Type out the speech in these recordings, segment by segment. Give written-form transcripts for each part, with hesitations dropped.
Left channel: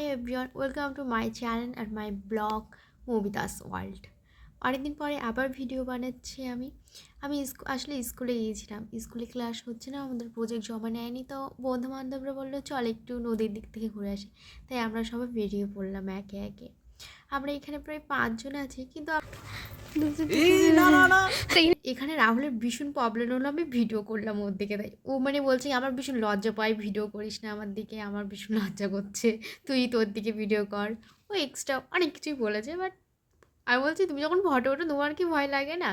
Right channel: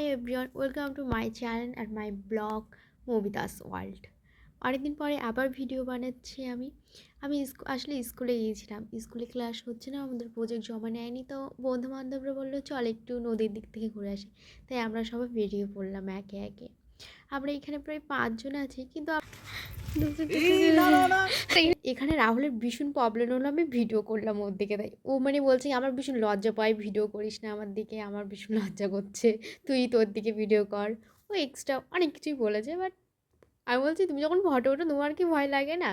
Hi everyone, welcome to my channel and my blog Moumita's world. অনেকদিন পরে আবার video বানাচ্ছি আমি আসলে স্কুলে গিয়েছিলাম। স্কুলে ক্লাস হচ্ছে না, আমাদের প্রজেক্ট জমা নেয়নি, তো বন্ধু বান্ধবরা বললো চল একটু নদীর দিক থেকে ঘুরে আসি। তাই আমরা সবাই বেরিয়ে পড়লাম একে একে। আমরা এখানে প্রায় 5 জন আছি, কিন্তু এখানে রাহুলের ভীষণ প্রবলেম হলো, আমি ভিডিও করলাম ওর দিকে। তাই ও বলছে আমার ভীষণ লজ্জা পায়, ভিডিও করিস না আমার দিকে, আমার ভীষণ লজ্জা করছে, তুই তোর দিকে ভিডিও কর। ও এক্সট্রা অনেক কিছুই বলেছে, বাট আমি বলছি তুমি যখন ফটো ওঠো তোমার কি ভয় লাগে না?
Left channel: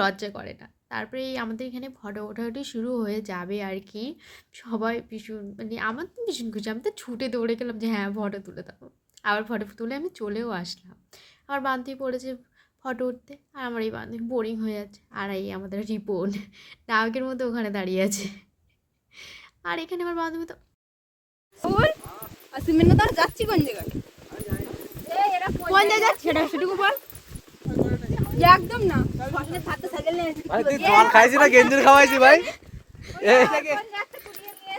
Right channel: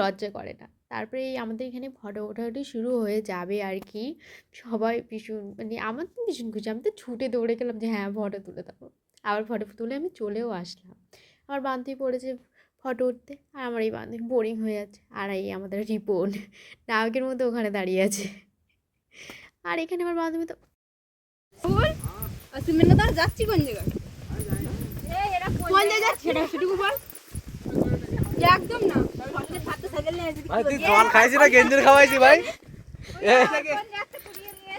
লজ্জা করে না। তারপরে এই আমাদের এখানে ফটো ওঠাওঠি শুরু হয়ে যাবে আর কি। সবাই ভীষণ আমার তো ভীষণ খুশি, আমি তো ছুটে দৌড়ে গেলাম যে হ্যাঁ ফটো তুলে দেবো। আবার ফটো তুলে আমি চলেও আসলাম। আমার বান্ধবী পড়েছে ফটো উঠতে, আর আমার এই বান্ধবী বোরিং হয়ে যাচ্ছে। আর এই আমাদের রিপন নায়কের মধ্যে ওখানে দাঁড়িয়ে আছে। আর এখানে আমার বান্ধবী তো যাচ্ছি কোন জায়গায়, কোন জায়গায় যাচ্ছি এটা শুধু বল। একদম না ভাই, তুই জল খাইছিস না গেঞ্জির খাওয়াইছি ভাই?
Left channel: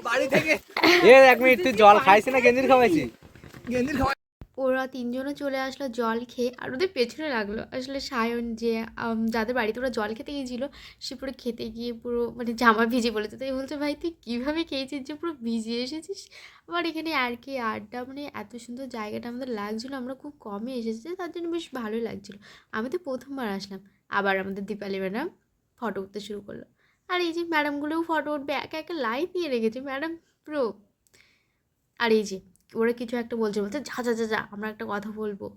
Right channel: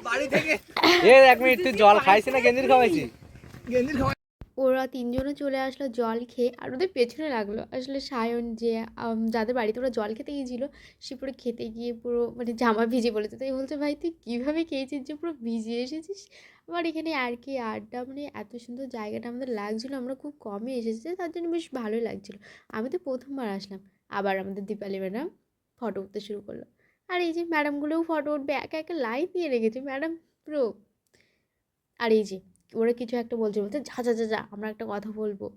বাড়ি থেকে এক মিনিট, তুই জল খাইছিস না গেঞ্জির খাওয়াইছি? গেঞ্জির খাওয়াই। ওরা তিনজনও চলে আসলো জল খেয়ে, আর ওদের পেছনে লাগলো আসলে সায়ন, যে যাদের বাড়িতে ওরা জল খেতে গিয়েছিলো, সে পুরো খেতে গিয়ে পুরো জামা ভিজে বলেছে। তাই বলছে ভাই তুই কীভাবে খেয়েছিস যে পুরো ভিজে এসেছিস। আবার এখানে আর কি আড্ডা, এত সুন্দর জায়গাটা আমাদের লাগছিলো, আমরা খুব কমে এসেছি, তার জন্য বেশ ভালোই লাগছিলো। আমি তো প্রথমবার আসলাম। আবার আমাদের দীপালি ম্যাডাম ফটো উঠতে শুরু করলো, আর এই যে ম্যাডামগুলোও ফটো উঠবে, একা একা লাইন দিয়ে রেখেছে ম্যাডাম পুরো। আর এই যে ওরা কিছু একটা বলছে যা যা যা যা, আমরা একটা কথা বলবো।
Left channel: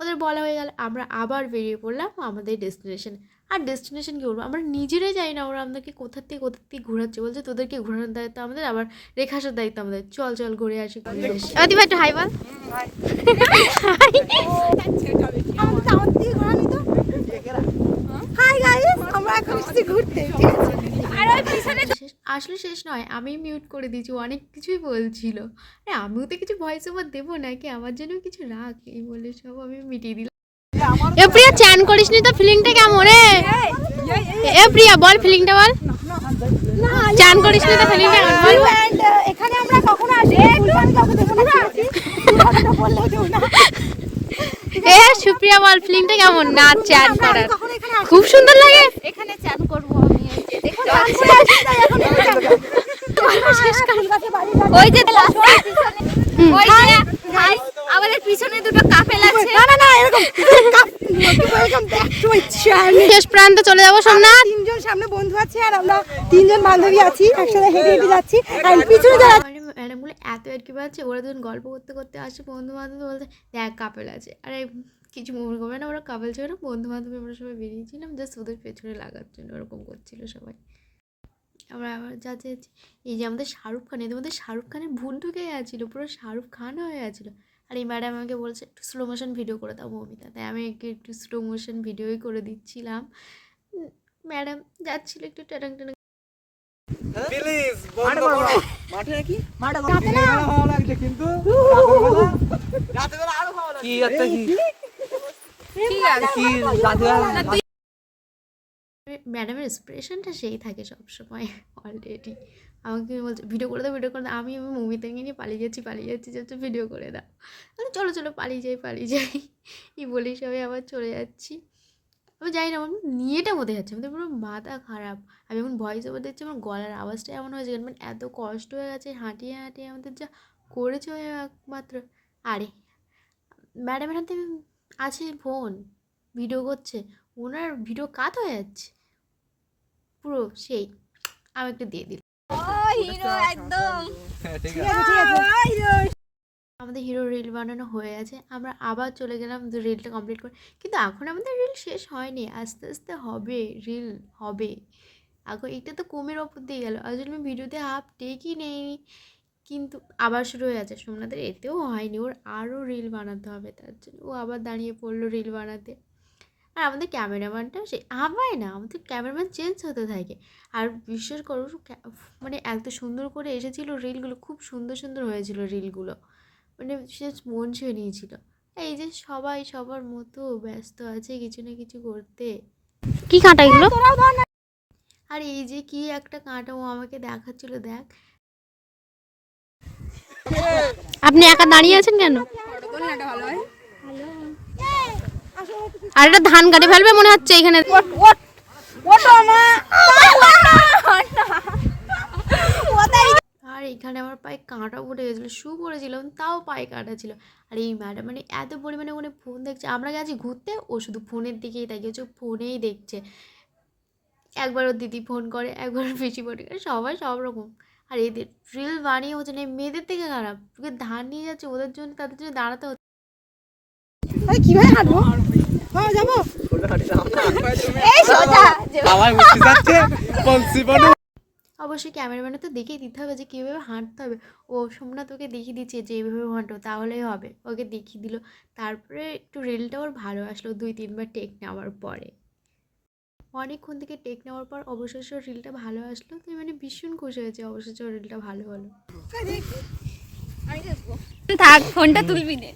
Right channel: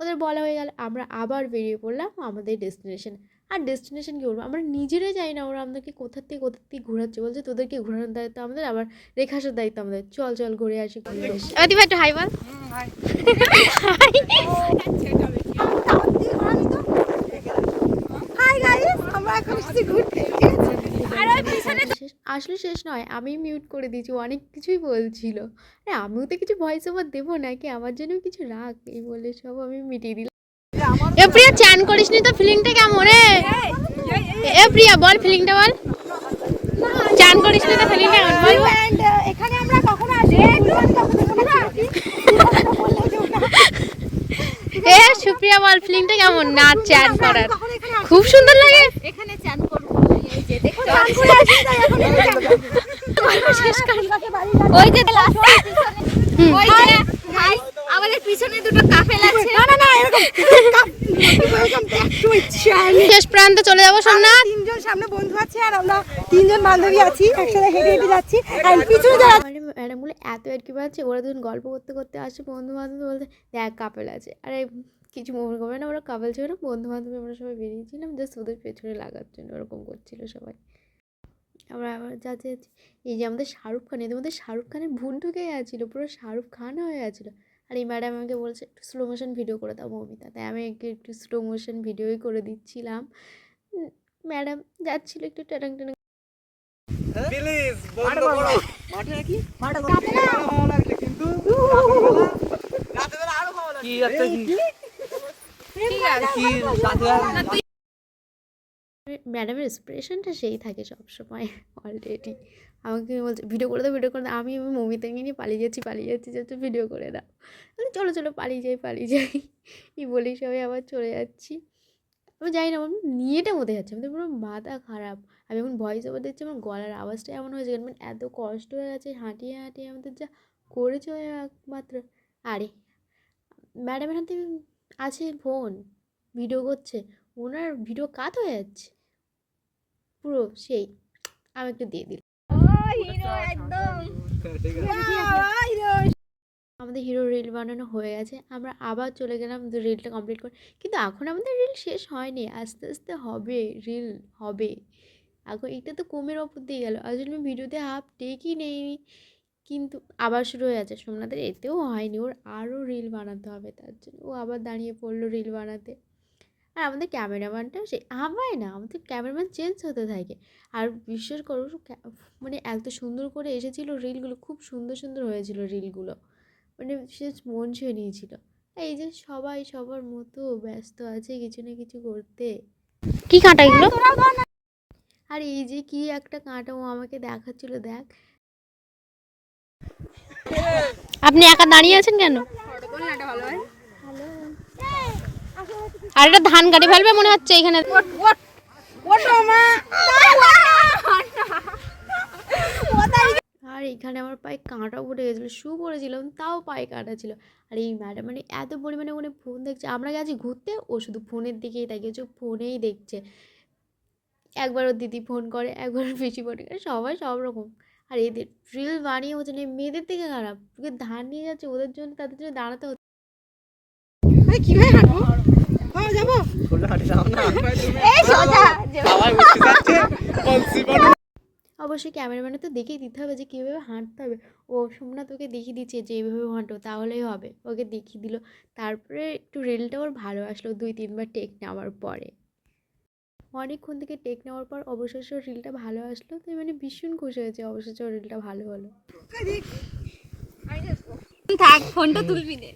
ওদের বলা হয়ে গেল, আমরা আবার বেরিয়ে পড়লাম আমাদের ডেস্টিনেশন। আর ডেস্টিনেশন কী বলবো, আমরা নিজেরাই যাই না, ওরা আমাদেরকে কোথার থেকে ঘোরাচ্ছে, বলছে তোদেরকে ঘোরানোর দায়িত্ব আমাদের, আবার রেখে আসার দায়িত্ব আমাদের, চল চল ঘুরে আসি ঘুরে আসি। ভাই একটু হাই বল। আসলে শেষ নয়, আমি মিউট করে দিয়েছি, অনেক কিছুই বলছিল। আরে আমিও তো কিছু ভয়েস ওভার দেবো নাকি, আমার জন্য কিছু রাখ, এই বলে সব আমি মিটিয়ে দিলাম। এ প্রিয়া চান করিসনি তো, ফিলিংটা কেমন? এ প্রিয়া বল ফিলিংটা বল, চান করিসনি তো ফিলিংটা বল। এখানে আমরা কখনো আসি এ সুপ্রিয়া বল ফিলিংটা কেমন না চান করার? খুব সুন্দর লাগে এখানে চান করব। ওই যে আমাদের পিছনে দুটো কাপেল আছে। না না না, এরকম শেষ প্রান্তে চলে যাবো সোনা। তিনজন সামনে বন্ধু আছে, আর আমরা তিনজন বান্ধবী আছি, একসাথে হেঁটে হেঁটে যাচ্ছি। আর পিছনে যারা ম্যাডামগুলো এত আর কি পাচ্ছে, ওরা যখন গল্প করতে করতে আসে বন্ধু বান্ধব বলতে দেখ কাপেল আছে, আরে কিছু মনে করবে না, ওরা কাপেল ছিল না, বন্ধু বান্ধবী আমরা সবাই বেরিয়েছিলাম জাস্ট ওদের পেছনে লাগার জন্য, ওরকম করছিল সবাই। আমরা আবার যাচ্ছি, এই যে আমাদের শাহরুখ খান, এদের মধ্যে শাহরুখ খানের ভুল ঢুকে গেছিলো, পুরো শাহরুখ খান হয়ে গেছিলো। আর এই ম্যাডাম আমাকে বলছে একটু স্লো মোশন ভিডিও করে দাও মৌমিতা, তাই আমি একটু স্লো মোশন ভিডিওই করে দিচ্ছিলাম। ম্যাডাম যাচ্ছিলো একটু টাটাং টাটাং। প্লিজ বন্ধ করো। মাঠে নাকি মাঠে লাগছে, কিন্তু রাতে বেলা আরো ভালো লাগে। কি আছে কি ঠিক আছে কি রাতে বেলা ম্যাডামের এক্সপ্রেশনটা সেই থাকে সবসময় অলরেডি। আমাকে বলছে ভিডিও করে দাও ভিডিও করে দাও, আমি মৌমিতাকে নিয়ে পালিয়ে যাচ্ছি যাতে ভিডিও করে দাও। চলো চলো পালিয়ে যাই এই বলেই সবাই আবার চলে যাচ্ছি। আমি জানি না, আমার নিয়েটা মধ্যে যাচ্ছে, আমাদের পুরো মাথা খারাপ। আমি এখন ভয়েস ওভার দিচ্ছি, আমার গলার আওয়াজটা এমন হয়েছে, এত কষ্ট হয়ে গেছে হাঁটিয়ে আমাদের যা করেছে একমাত্র। আরে ম্যাডামের হাতে আছে ফোন, ভিডিও করছে, ওনার ভিডিও কাট হয়ে যাচ্ছে পুরো সেই। আমি একটু দিয়ে দিলাম। আমাদের হিরো রিল বানানো হয়ে গেছে, আমরা আবার চলে গেলাম রিলটা কমপ্লিট করে। কিন্তু এখন আমাদের রিল শেষ হয়নি, আস্তে আস্তে হবে, রিল হবে। এখন এটা তো কমের ওপর দিয়ে গেল, আসলে আমি ভিডিওতে হাফ টেকই নেই, কিন্তু আবার শুরু হয়ে যাচ্ছে। সোমনাথের এতেও হয়নি, ওর আরও রিল বানাতে হবে, তার জন্য ও আবার দাঁড়িয়ে পড়লো রিল বানাতে। আর আমাদের ক্যামেরাম্যানটা সে আমায় না, আমাদের ক্যামেরাম্যান চেঞ্জ হতে থাকে। আর বিশ্বাস করো এত সুন্দর করে এসেছিলো রিলগুলো, খুব সুন্দর সুন্দর হয়েছিল রিলগুলো, সে মন ছুঁয়ে নিয়েছিল। এই যে সবাই সবার মতো ব্যস্ত আছে কিছু না কিছু করতে। কি কাঁটা এগুলো? আর এই যে কি একটা কাঁটা ও আমাকে দেখাচ্ছিল, দেখ আপনি একা দাঁড়িয়ে আছেন কেন? আর এটা ধান কাটে ফেলবে মনে হচ্ছে এখানে। আর এখানে আমার পায়ে কাঁটা উঠে গেছিলো, শু পরেছিলাম তাও পায়ে কাঁটা ছিল। আর এই ম্যাডাম মানে এত পরিমাণে ওখানে ফোন দেখছে, আমরা গেছি ঘুরতে, ও শুধু ফোনের দিকেই তাকিয়েছে, ফোনেই দেখছে। একবার ওর দিদি ফোন করে, একবার ওর পিসি ফোন করে, সবাই সব রকম। আর এদের রিল বানিয়ে হচ্ছে না, মেয়েদের থেকে খারাপ, তোকে ধান নিয়ে যাচ্ছে ওদের জন্য, তাদের জন্য দাঁড়াতে হচ্ছে। কিভাবে হাঁটবো? হ্যাঁ যাবো। অবশ্যই ক্যামেরাম্যানে তো দেখিয়ে দিতে হবে যে কীভাবে হাঁটতে হবে। ও সোমনাথ ওকে দেখিয়ে দিচ্ছে যে এইভাবে হাঁটো তাহলেই হবে, ওকে দেখিয়ে দিল। তারপরে একটু রিলটা ওর ভালো আসলো 2-3বার টেক নেওয়ার পরে। অনেকক্ষণ থেকে টেক নেওয়ার পর অবশেষে ওর রিলটা ভালো আসলো, তো মানে ভীষণ খুশি হয়েছে অবশেষে ওর রিলটা ভালো হলো। থাক, ফোনটা তুলবি নে।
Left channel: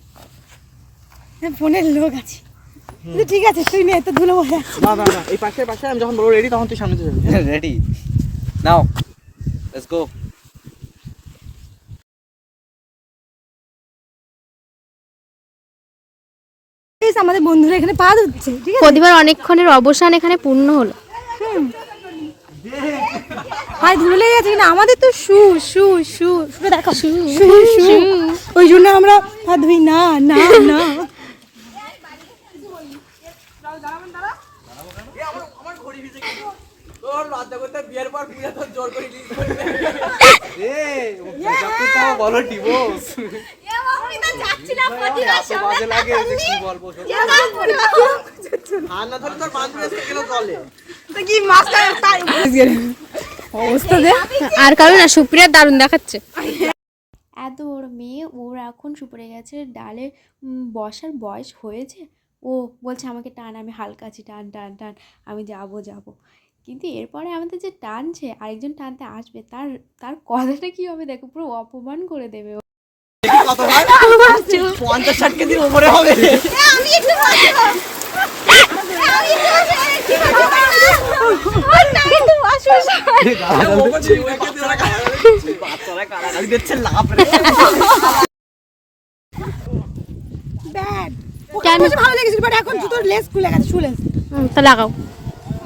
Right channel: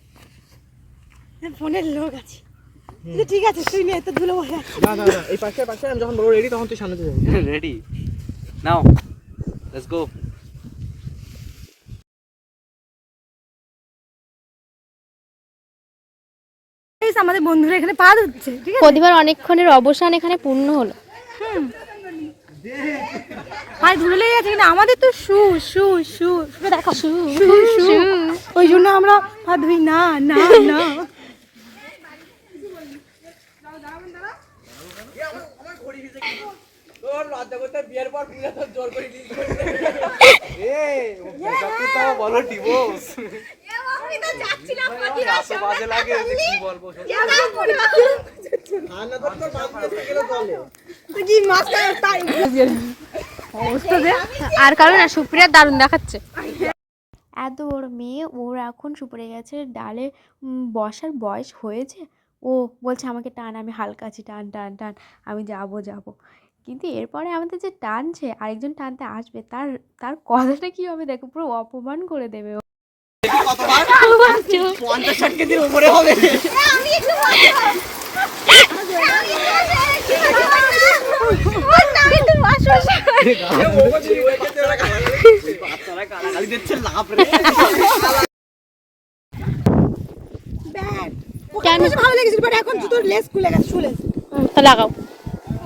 ফোনের লোক আছে, ঠিক আছে তুই নে, তো ধুলো বসে। না না না, এই পাশে পাশে আমি যখন বলবো রেডি তখন তুই সামনে যাবি। Ready now, let's go. আমাদের বন্ধুরা এখানে পা ধুচ্ছে, ঠিক আছে? প্রতিবার অনেকক্ষণের অবসান এখানে পূর্ণ হলো। পায়ে ধুলো লেগে গেছে, কিন্তু আমাদের তো শু শু শু শু দেখা শু শু শু, ওই জন্য আমরা পা ধুই না না না। বলো ডিভোর্স আর কারণ না, সুপ্রিয়ার দারুণ দেখাচ্ছে। এত বড় মেয়ে, ওর এখন সুপড়ে গেছে ডালে বসার বয়স হয়েছে। ও বলছে আমাকে টান, আমি হালকা আছি, টান টান টান, আমি যাবো যাবো। কিন্তু এরপরে আমাদের যে টানছে, আরেকজন টানতে আসবে, তার তার কথাটা কী হবে দেখো, পুরো অপমান করে দেবে ও। 50-60 কেজির উপরে হবে। কেন ভালো লেগেছিল, বাট এখন জুতোর লেস খুলে গেছে, শু লেস। তা লাগাও।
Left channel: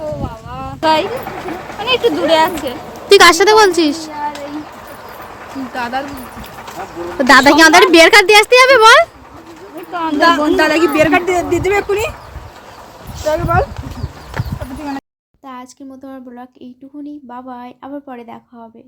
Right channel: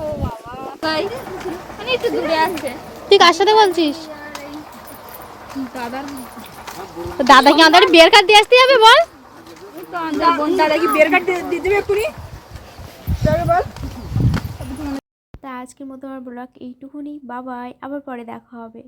ও বাবা, তাই মানে একটু দূরে আছে। তুই কার সাথে বলছিস? দাদার দাদা কি আমাদের বিয়ার কার্ড দিয়ে আসতে যাবে বল? দাদা কি বিয়ার কার্ড দিয়ে দেবে এক্ষুনি? বল। তা আজকের মতো আমার ব্লগ এইটুকুনি, বাবাই, আবার পরে দেখা হবে।